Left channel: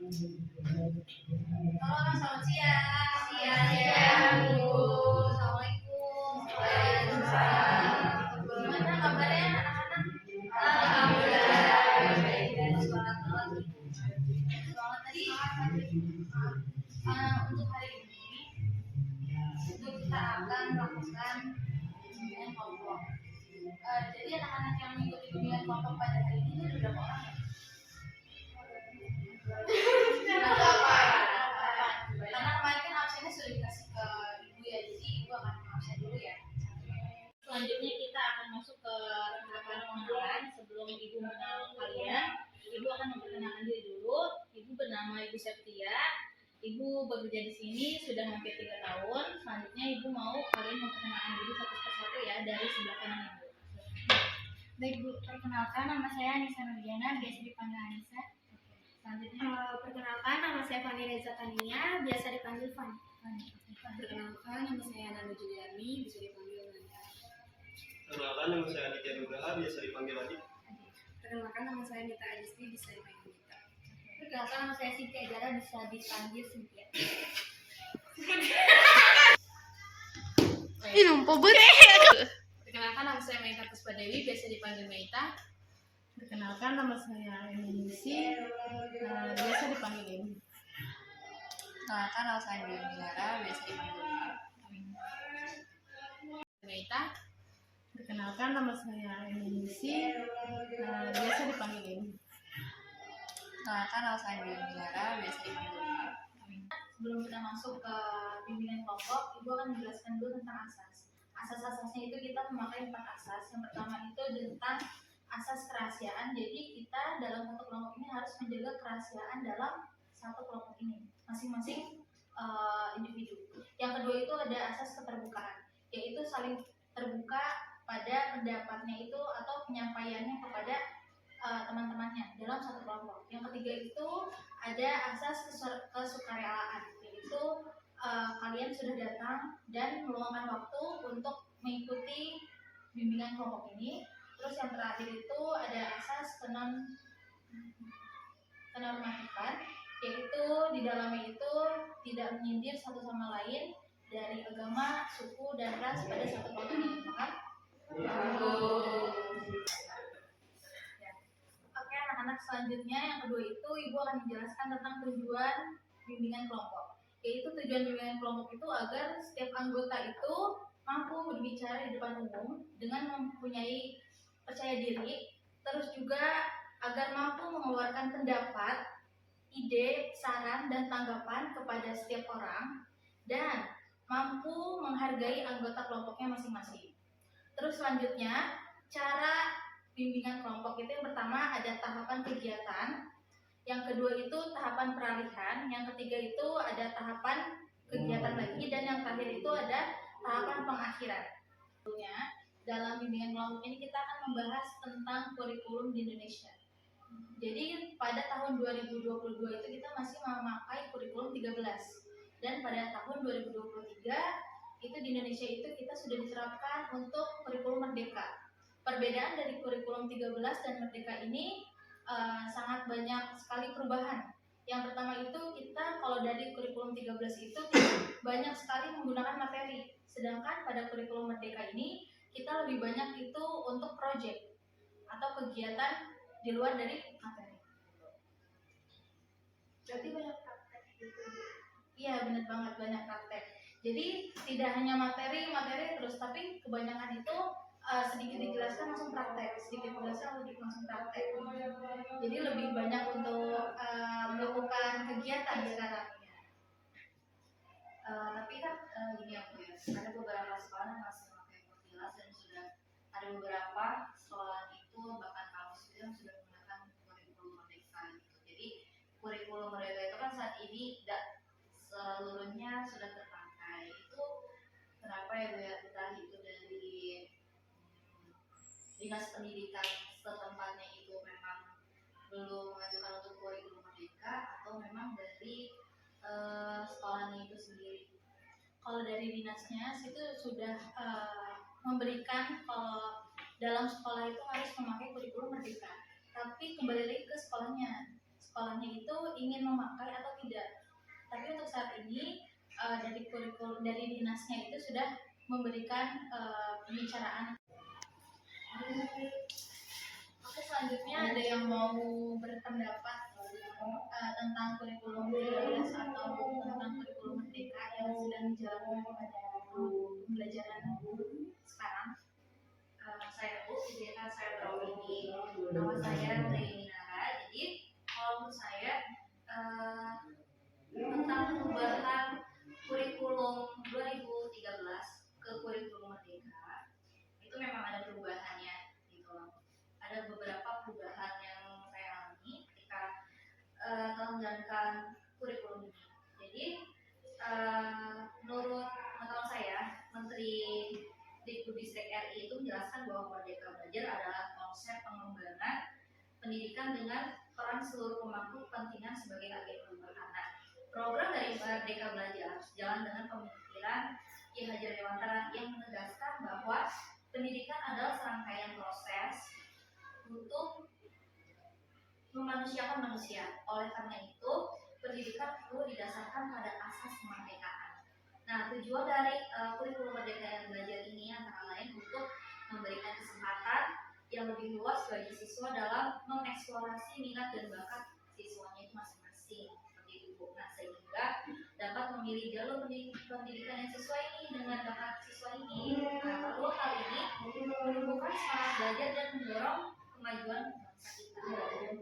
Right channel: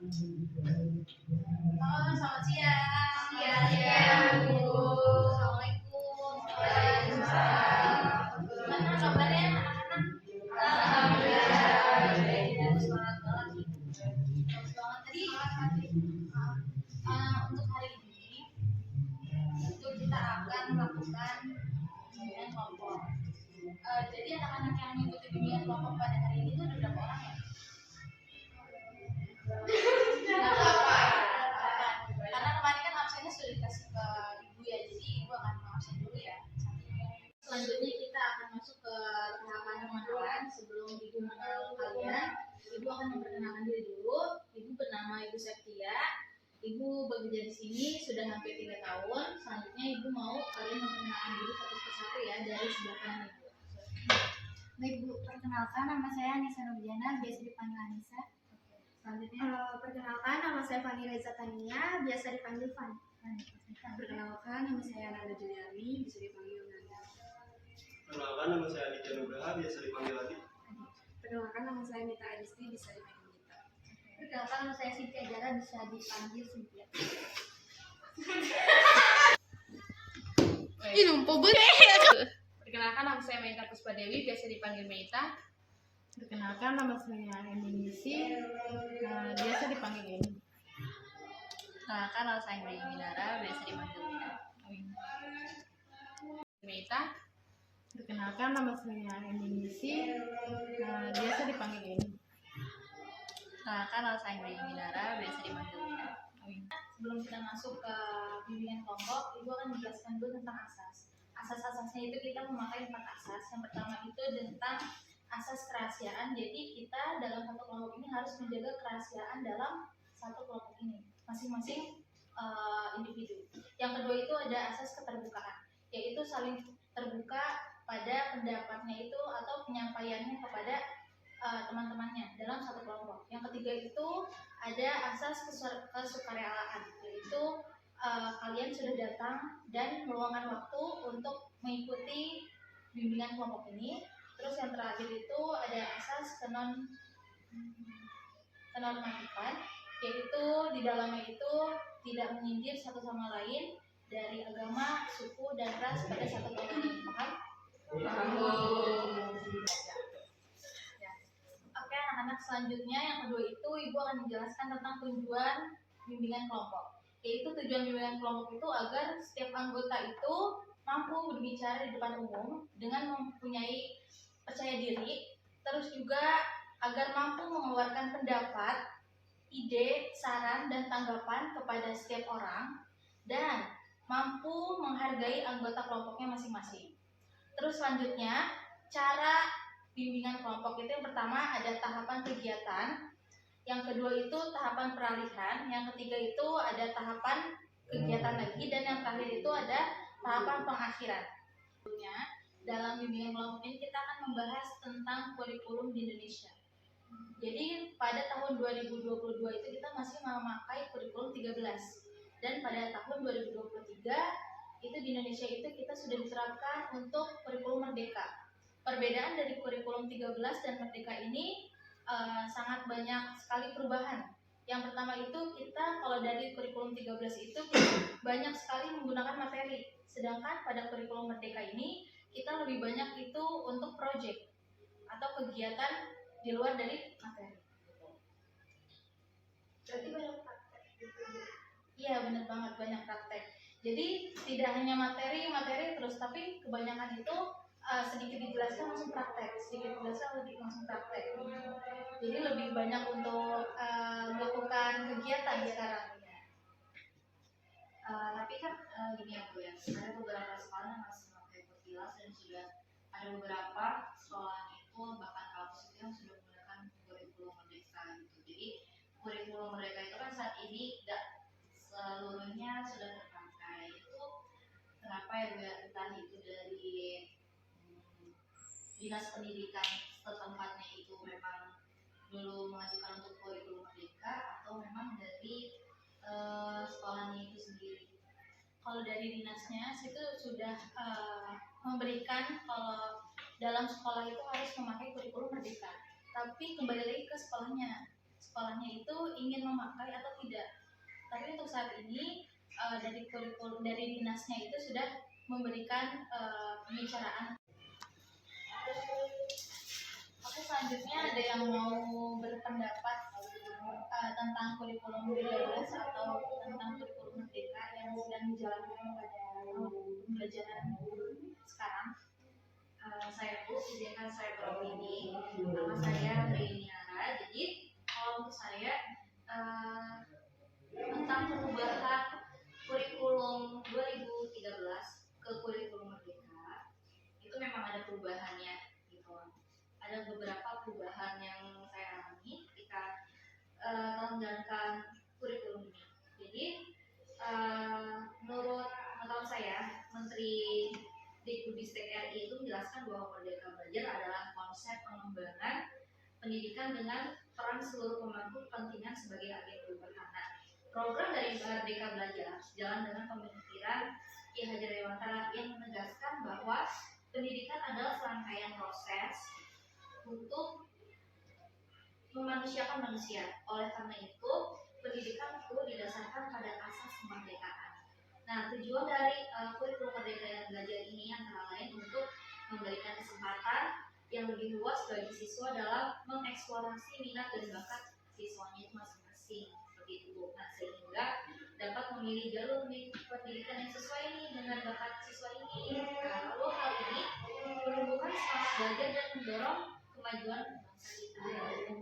Halo, selamat siang. Siang, Bu. Assalamualaikum. Waalaikumsalam. Gimana kabarnya anak-anak? Alhamdulillah. Baik. Semangat banget. Semangat tadi. Untuk hari ini itu kita akan melakukan bimbingan kelompok. Jadi anak-anak yang mengikuti bimbingan kelompok pada hari ini itu ada berapa orang ya? Karena kemarin kan absennya sudah dikasih ke ibu ya, jadi ibu akan absen dulu ya. Selanjutnya kita akan masuk ke tahapan pengenalan. Sebelum ibu mengenal kalian, ibu akan memperkenalkan diri dulu. Ibu bernama Ibu Septia. Ibu bekerja di sini sudah hampir 3 tahun. Selanjutnya ibu mau kalian memperkenalkan diri satu persatu ya, dari sebelah kanan ibu. Baik Bu, perkenalkan nama saya Anissa Nurdiana, biasa dipanggil Anissa. Selanjutnya, Perkenalkan nama saya Fani Reza Tania, biasa dipanggil Fani. Perkenalkan, nama saya Nanda Juliani, bisa dipanggil Nanda. Perkenalkan, nama saya Aditya Nugraha, biasa dipanggil Adi. Perkenalkan, nama saya Nita Adisti, bisa dipanggil Nita. Perkenalkan nama saya Cynthia Jara, bisa dipanggil Cynthia. Ih, numpuk banget. Perkenalkan, nama saya Meita Puspadewi, biasa dipanggil Meita. Perkenalkan, nama saya Eminisi, biasa dipanggil Emi. perkenalkan nama saya Minara, biasa dipanggil Meita. Perkenalkan, nama saya Eminisi, biasa dipanggil Emi. Perkenalkan nama saya Minara, biasa dipanggil Sebelum kita masuk ke bimbingan kelompok, ibu akan menjelaskan dulu tentang asas. Asas-asasnya itu kita memakai 4 asas. Yang pertama itu tentang asas kerahasiaan. Jadi kita dalam satu kelompok ini harus menjaga kerahasiaan dalam satu kelompok ini, masing-masing individu. Yang kedua itu ada asas keterbukaan, yaitu saling terbuka pada pendapatnya itu atau penyampaiannya kepada teman-temannya dalam satu kelompok. Yang ketiga itu ada asas kesukarelaan, yaitu kalian sudah datang dan meluangkan waktu untuk mengikuti bimbingan kelompok ini. Terus yang terakhir itu ada asas kenormatifan, yaitu di dalamnya itu tidak menyindir satu sama lain dari agama, suku, dan ras pada satu kelompok ini. Paham? Oke, anak-anak, selanjutnya yang kedua itu ibu akan menjelaskan tentang tujuan bimbingan kelompok. Yaitu tujuan bimbingan kelompok itu agar setiap anggota itu mampu berbicara di depan umum dengan mempunyai percaya diri, terus juga agar mampu mengeluarkan pendapat, ide, saran, dan tanggapan kepada setiap orang, dan mampu menghargai anggota kelompoknya masing-masing. Terus selanjutnya, cara bimbingan kelompok itu yang pertama ada tahapan kegiatan, yang kedua itu tahapan peralihan, yang ketiga itu ada tahapan kegiatan lagi, dan yang terakhir itu ada tahapan pengakhiran. Tentunya dalam bimbingan kelompok ini kita akan membahas tentang kurikulum di Indonesia. Jadi pada tahun 2022 itu kita masih memakai kurikulum 13, dan pada tahun 2023 itu di Indonesia itu kita sudah diterapkan untuk kurikulum merdeka. Perbedaan dari kurikulum 13 dan merdeka ini sangat banyak sekali perubahan. Yang pertama itu kita kalau dari kurikulum 13 itu banyak sekali menggunakan materi, sedangkan pada kurikulum merdeka ini kita lebih banyak itu untuk project atau kegiatan di luar dari materi. Berarti banyak praktek gitu. Iya, benar banget, banyak praktek. Jadi tidak hanya materi terus, tapi kebanyakan itu sedikit dijelaskan langsung praktek, sedikit dijelaskan langsung praktek. Jadi lebih banyak untuk melakukan kegiatan sekarang. Tapi kan gini ya Bu ya, ada beberapa sekolah yang masih memakai Kurtilas, dan sudah ada beberapa sekolah itu bahkan kampus itu yang sudah menggunakan kurikulum merdeka gitu. Jadi kurikulum merdeka itu kan saat ini tidak seluruhnya sudah terpakai. Itu kenapa ya Bu ya, entah itu dari dinas pendidikan setempatnya itu memang belum mengajukan untuk kurikulum merdeka, atau memang dari sekolahnya itu sendiri. Kalau dari dinasnya itu sudah memberikan kalau dalam sekolah itu harus memakai kurikulum merdeka, tapi kembali lagi ke sekolahnya sekolahnya itu ingin memakai atau tidak. Tapi untuk saat ini dari kurikulum dari dinasnya itu sudah memberikan pembicaraan. Oke, selanjutnya ada yang mau berpendapat tentang kurikulum 13 atau tentang kurikulum merdeka yang sedang dijalankan pada pembelajaran sekarang. Saya izinkan saya beropini. Nama saya Reinara. Jadi kalau menurut saya tentang perubahan kurikulum 2013 ke kurikulum merdeka itu memang ada perubahannya gitu loh. Ada beberapa perubahan yang saya alami ketika telah menjalankan kurikulum ini. Jadi menurut pengetahuan saya, Menteri Dikbudristek RI itu menjelaskan bahwa Merdeka Belajar adalah konsep pengembangan pendidikan dengan peran seluruh pemangku kepentingan sebagai agen perubahan. Nah, program dari Merdeka Belajar sejalan dengan pemikiran Ki Hajar Dewantara yang menegaskan bahwa pendidikan adalah serangkaian proses untuk memanusiakan manusia. Oleh karena itu, pendidikan perlu didasarkan pada asas kemerdekaan. Nah, tujuan dari kurikulum Merdeka Belajar ini antara lain untuk memberikan kesempatan yang lebih luas bagi siswa dalam mengeksplorasi minat dan bakat siswanya itu masing-masing, seperti itu Bu. Nah, sehingga dapat memilih jalur pendidikan yang sesuai ini dengan bakat siswa ini. Nah, lalu hal ini menumbuhkan semangat belajar dan mendorong kemajuan bangsa kita.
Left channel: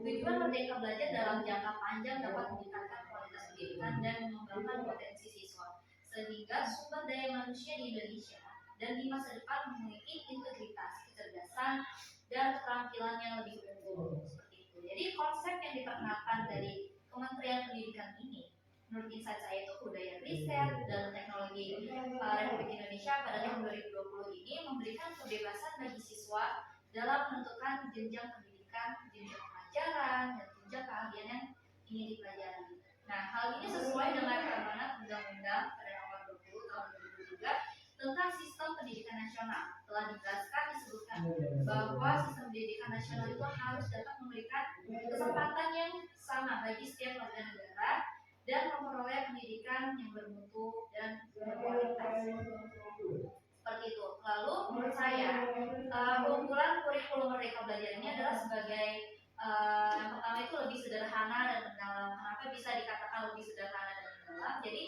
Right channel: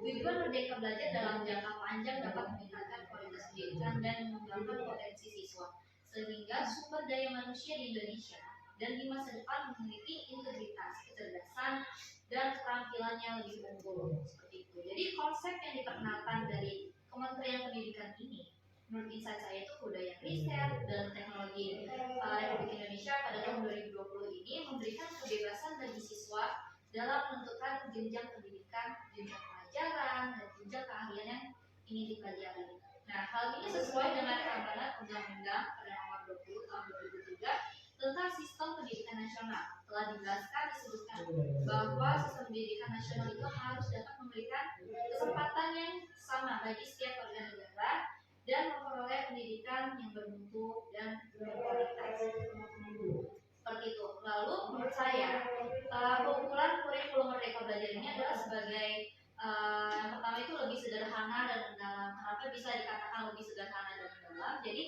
Tujuan Merdeka Belajar dalam jangka panjang dapat meningkatkan kualitas pendidikan dan mengembangkan potensi siswa, sehingga sumber daya manusia di Indonesia dan di masa depan memiliki integritas, kecerdasan, dan keterampilan yang lebih unggul. Seperti itu. Jadi konsep yang diperkenalkan dari Kementerian Pendidikan ini, menurut insight saya itu budaya riset dan teknologi Republik Indonesia pada tahun 2020 ini memberikan kebebasan bagi siswa dalam menentukan jenjang pendidikan, jenjang pelajaran, dan jenjang keahlian yang ingin dipelajari. Nah, hal ini sesuai dengan amanat Undang-Undang pada nomor 20 tahun 2003 tentang sistem pendidikan nasional. Telah dijelaskan disebutkan bahwa sistem pendidikan nasional itu harus dapat memberikan kesempatan yang sama bagi setiap warga negara dan memperoleh pendidikan yang bermutu dan berkualitas. Seperti itu. Lalu menurut saya keunggulan kurikulum Merdeka Belajar ini adalah sebagai yang pertama itu lebih sederhana dan mendalam. Kenapa bisa dikatakan lebih sederhana dan mendalam? Jadi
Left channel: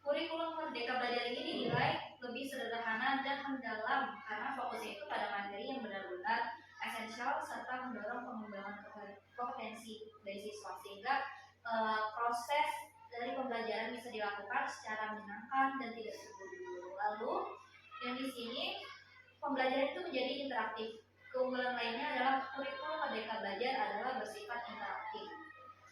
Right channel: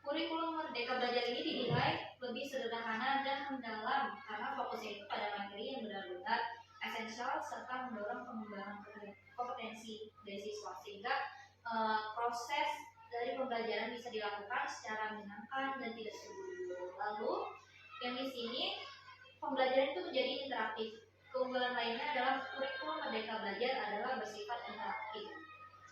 kurikulum Merdeka Belajar ini dinilai lebih sederhana dan mendalam karena fokusnya itu pada materi yang benar-benar esensial serta mendorong pengembangan kompetensi dari siswa, sehingga proses dari pembelajaran bisa dilakukan secara menyenangkan dan tidak terburu-buru. Lalu yang di sini pembelajaran itu menjadi interaktif. Keunggulan lainnya adalah kurikulum Merdeka Belajar adalah bersifat interaktif.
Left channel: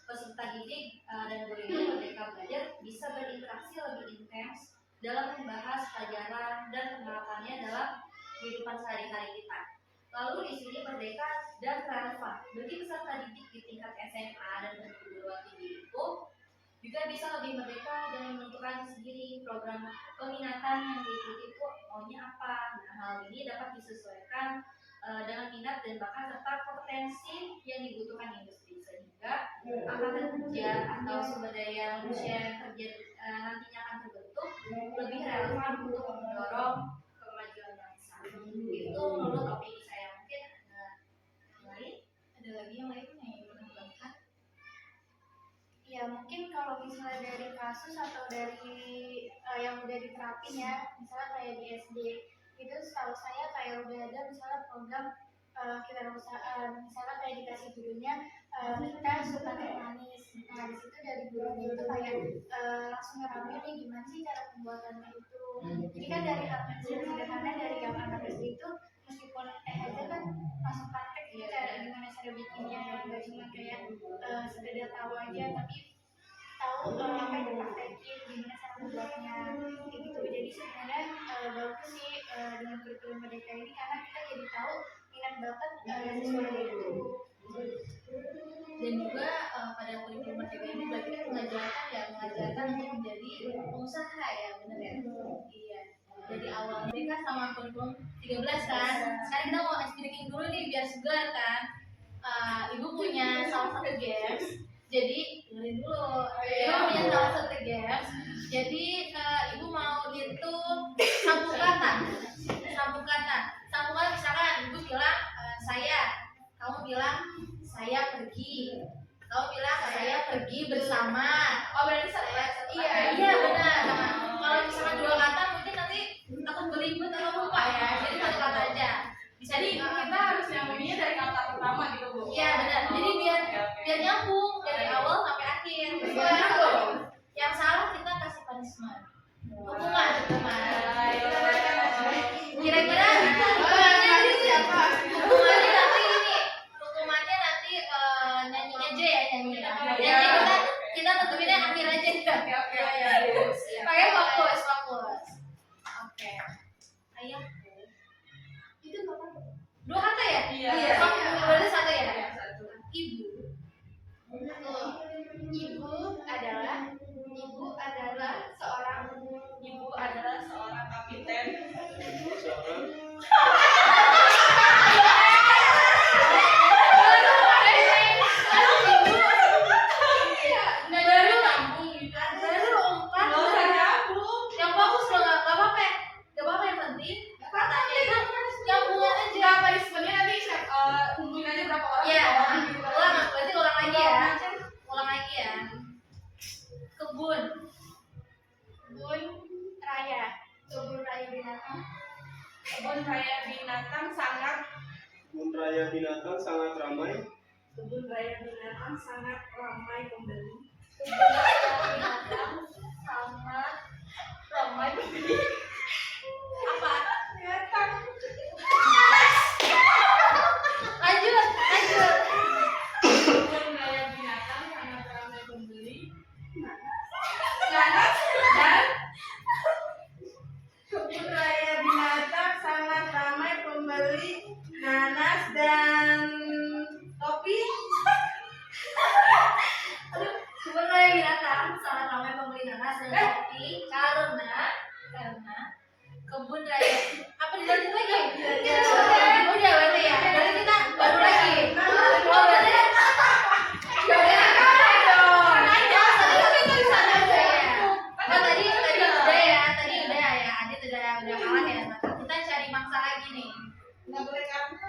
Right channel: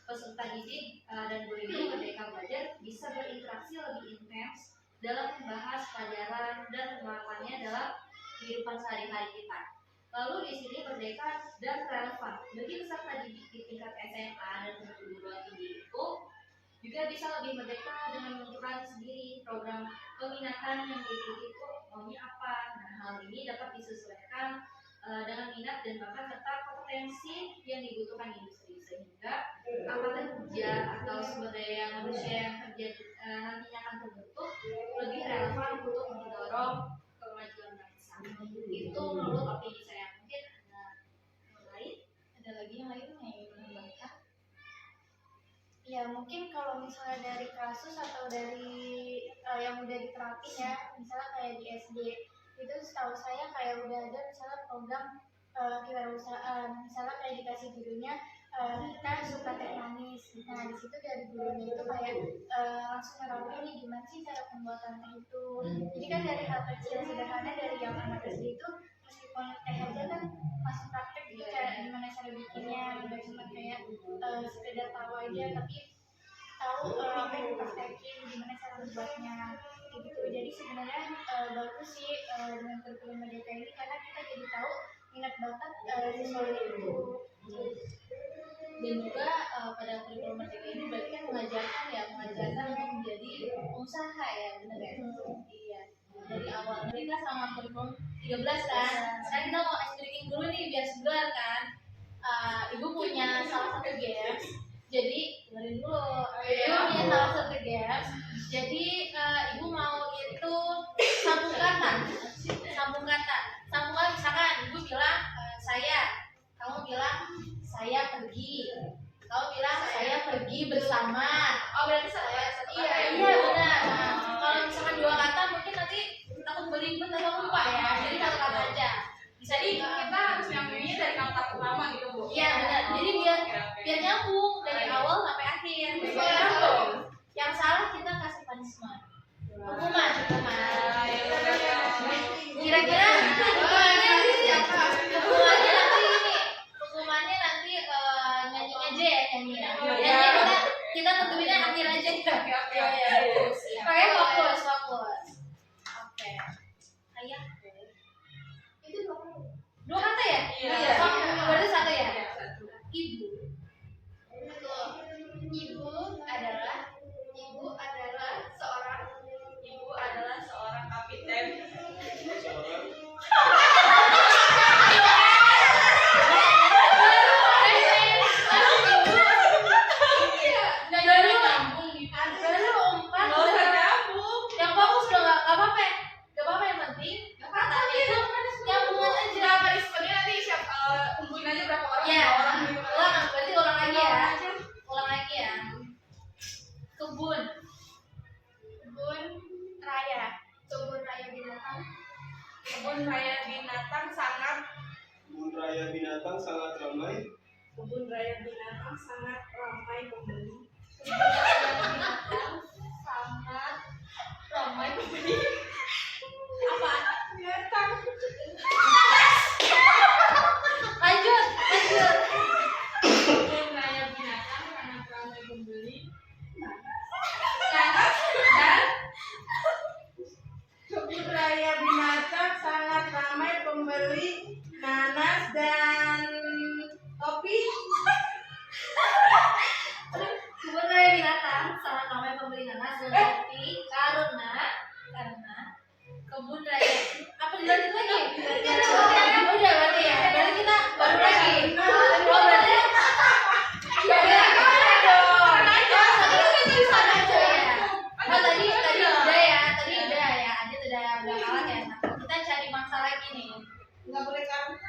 Peserta didik dan guru Merdeka Belajar bisa berinteraksi lebih intens dalam membahas pelajaran dan penerapannya dalam kehidupan sehari-hari kita. Lalu di sini merdeka dan relevan bagi peserta didik di tingkat SMA dan perguruan tinggi itu juga bisa lebih merdeka dengan menentukan sendiri program peminatan yang diikuti itu maunya apa. Nah, hal ini dapat disesuaikan dengan minat dan bakat serta kompetensi yang dibutuhkan industri, sehingga angkatan kerja atau sumber daya manusia yang kerja nantinya akan terbentuk lebih relevan untuk mendorong kemajuan bangsa. Itu menurut opini saya. Mungkin ada yang lain? Ada lagi yang lain yang ingin menambahkan? Ya mungkin kalau misalnya dari kasus atau dari yang udah diterapin ya, misalnya kayak di SD itu setahu saya kayak udah ada misalnya program kewirausahaan, misalnya kayak dikasih gurunya kita suka teh manis. Nah di situ dari gurunya itu kayak langsung nerapin nih gimana sih cara pembuatannya itu. Jadi kan dari hal kecil sederhana dari yang anak SD itu meskipun teh aja kan langsung praktek gitu cara gimana cara bikinnya, nggak cuma kayak sekedar tahu aja tapi tahu apa yang dipraktekin, gimana cara membuatnya gitu. Jadi sebenarnya bagus sih dengan kurikulum Merdeka ini karena kita jadi tahu minat bakat sesuai itu. Dan juga pada kurikulum Merdeka ini berarti kan mengajarkan untuk menjadi pengusaha ya, benar ya? Iya. Dari awal mereka sama kurikulum 13 kan. Sekarang kita mau ice breaking dulu nih biar segar kan. Ibu punya salah satu games Jadi dengerin dulu. Iya. Ibu punya salah satu games. Jadi ibu mau itu sambung kata. Sambung kata. Sambung kata misalkan ibu bilang saya, kamu bilang saya pergi. Kamu bilang saya pergi bersama. Oh berarti satu Iya, iya benar. Nah, kalau misalkan dua kata mungkin nanti takut beribet atau lupa ya. Jadi satu kata aja. Jadi kita harus nyambunginnya dari kata pertama gitu Bu. Iya benar. Jadi biar nyambung dari awal sampai akhir. Yang salah kita kasih punishment. Hukuman. Kira-kira hukumannya siapa? Hukumannya nanti ini. Hukumannya nanti nyanyi aja ya nyanyi. Nyanyi kita tentuinnya akhir aja ya. Oke. Pakai fokus. Oke. Ayah. Itu dua kata ya? Iya. Berarti satu ya? Iya, satu. Ibu. Betul. Ibu adalah seorang kapiten. Seorang Baru Nyambung gitu. baru empat. Nggak usah nyambung. Yang fokus udah nggak apa-apa. Gak apa-apa yang penting. Kata itu nyambungan aja. Enggak, punishment-nya nanti kumpulin aja berapa orang, Iya. berapa orang gitu. Ulang, berarti ulang lagi ya. Ulang aja. Ulang lagi ya. Kebun. raya. Kebun raya binatang. Kebun raya binatang sangat kebun raya binatang sangat ramai. Kebun raya binatang sangat ramai pembeli. Kebun raya binatang sangat ramai pembeli. Apa? Binatang. Lanjut. Kebun raya binatang sangat ramai pembeli. Nanas dan kebun raya binatang sangat ramai pembeli nanas dan topi. Kebun raya binatang sangat ramai pembeli nanas dan kopi karena kebun raya apa dilanjut lagi? Udah berarti ya. Berarti kita baru lagi. Oh berarti tadi udah ya. Tadi udah ya. Adit udah kalah ya. Kita cari mangsa lagi nih. Nggak boleh karena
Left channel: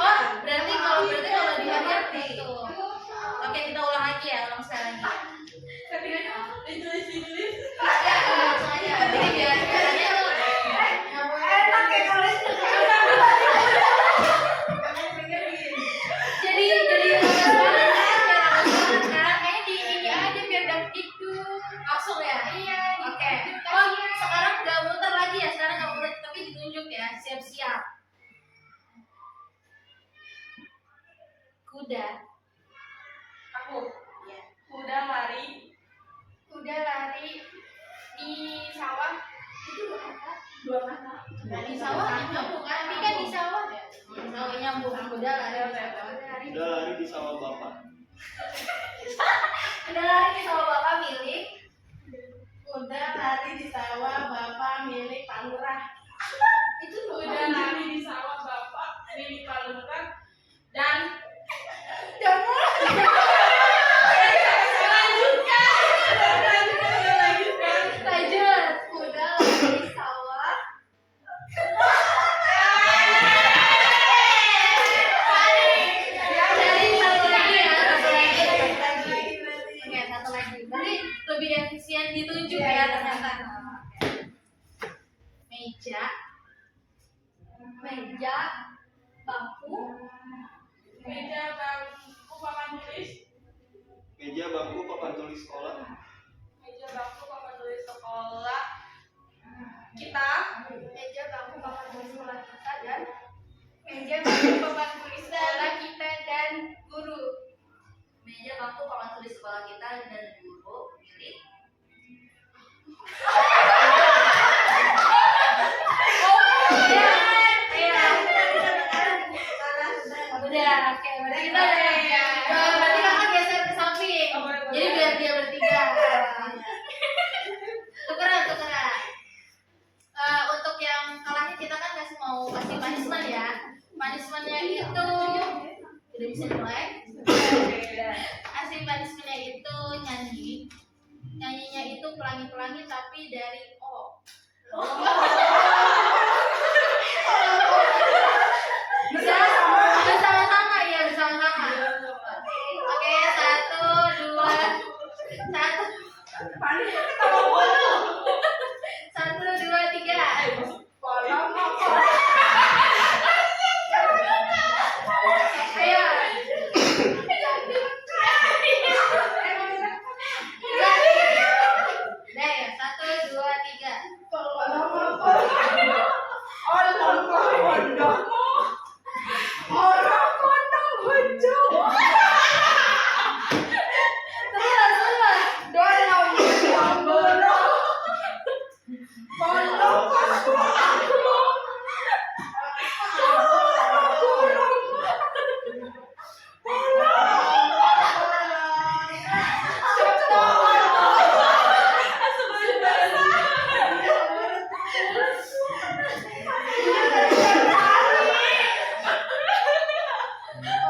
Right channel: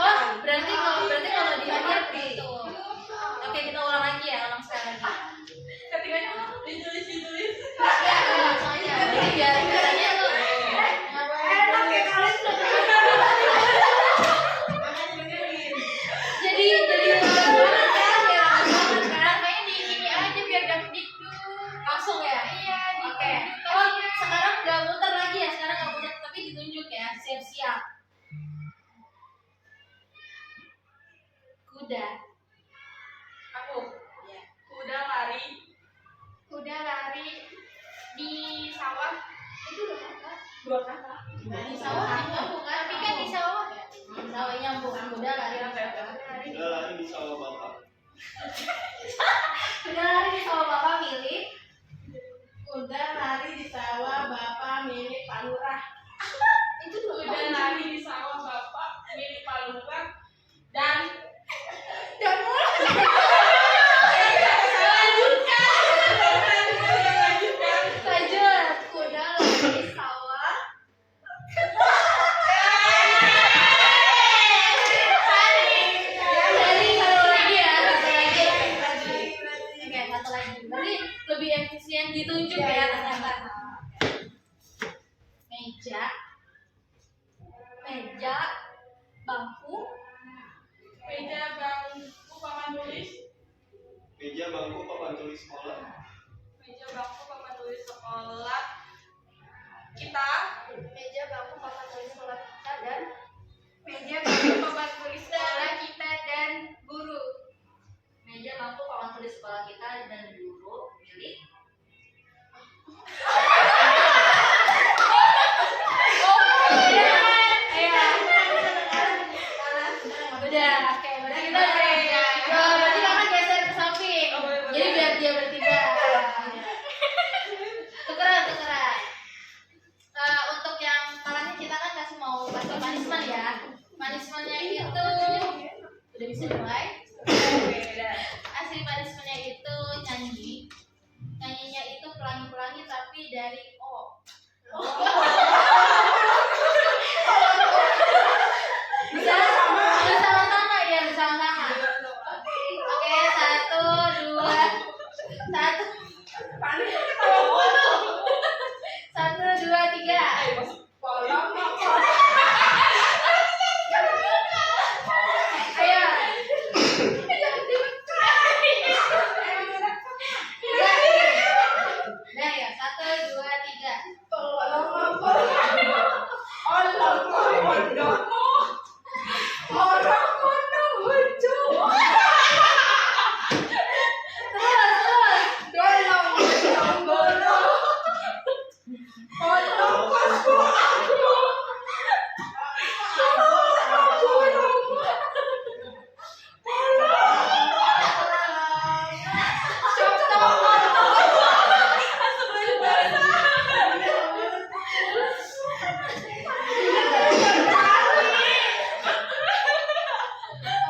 Oh, berarti kalau di akhir itu. Oke, kita ulang lagi ya, ulang sekali lagi. ketiganya ditulis. Ya, langsung aja. Jadi biar aja lu. Enak ya kalian. Jadi kayaknya di ini aja biar dapdikduk. Langsung ya? Iya, oke. Oh, sekarang nggak muter lagi ya, sekarang nggak muter tapi ditunjuk ya, siap-siap. Kuda. Aku kuda lari Kuda lari di sawah. Itu dua kata. Di sawah nyambung kan? Tapi kan di sawah ya. Sawah nyambung. Kuda lari di sawah. Kuda lari di sawah bapak. Kuda lari di sawah bapak milik. Kuda lari di sawah bapak milik Pak Lurah. Itu dulu. Kuda lari di sawah bapak milik Pak Lurah dan Lanjut. Kuda lari di sawah. Jadi satu lagi ya, satu lagi. Oke, satu lagi. Berarti lebih efisien ditunjuk ya ternyata. Meja, bangku, meja bangku papan tulis. Meja bangku papan tulis sekolah. Meja bangku papan tulis sekolah kita. meja bangku papan tulis sekolah kita dan meja bangku papan tulis sekolah kita dan guru. Meja bangku papan tulis sekolah kita dan guru milik udah. Oke, berarti kita udah. Berarti kakak geser ke samping. Jadi biar dia bertiga. Tukeran. Untuk yang kalahnya kita kan mau kasih punishment ya. punishmentnya itu udah bisa mulai. Asli punishmentnya itu nyanyinya itu pelangi-pelangi tapi dari O. Bisa bersama-sama ya, bersama-sama. Oke, 1, 2, 3. Ayo. Udah ya, 1, 2, 3.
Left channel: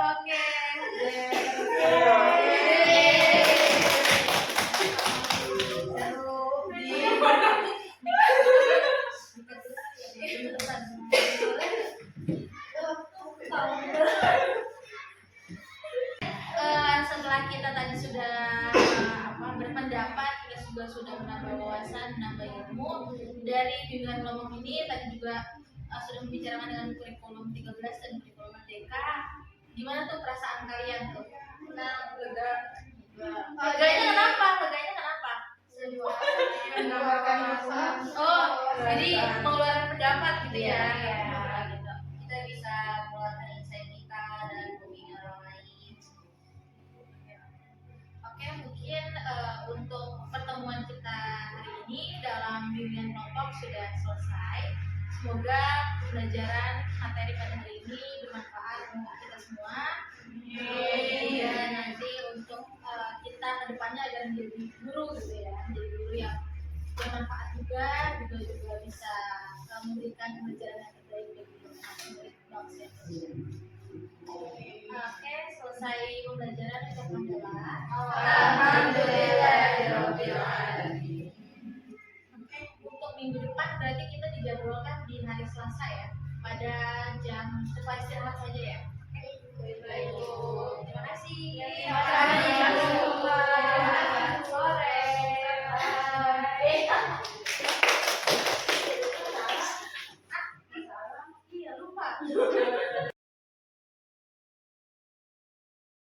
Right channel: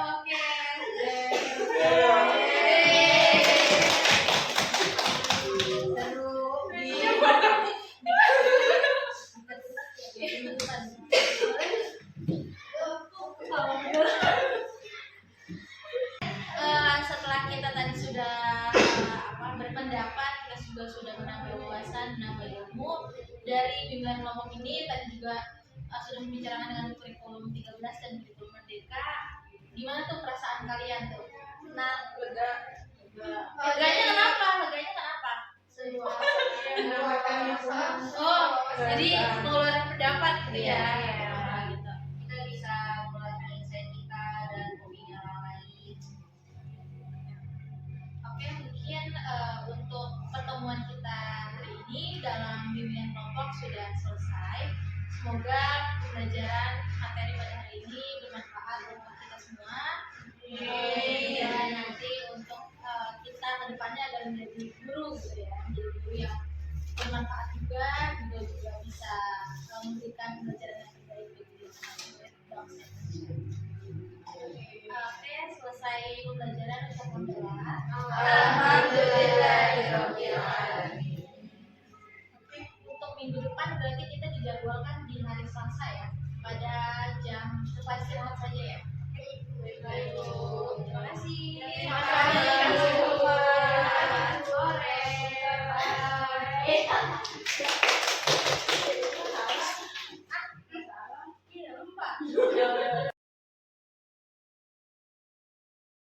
Oke. Setelah kita tadi sudah berpendapat, kita juga sudah menambah wawasan, menambah ilmu dari bimbingan kelompok ini. Tadi juga sudah membicarakan dengan kurikulum 13 dan kurikulum merdeka. Gimana tuh perasaan kalian tuh? Nah, leganya kenapa? Oh, jadi mengeluarkan pendapat gitu ya. Gitu. Kita bisa mengeluarkan insight kita dan opini orang lain. Oke, mungkin untuk pertemuan kita hari ini dalam bimbingan kelompok sudah selesai. Semoga pembelajaran materi pada hari ini bermanfaat untuk kita semua. Dan nanti untuk kita kedepannya agar menjadi guru gitu ya, menjadi guru yang bermanfaat juga bisa memberikan pembelajaran yang terbaik bagi anak-anak bangsa Indonesia. Oke, selesai pembelajaran untuk Alhamdulillah. Alhamdulillahirobbilalamin. Oke, untuk minggu depan berarti kita dijadwalkan di hari Selasa ya, pada jam setelah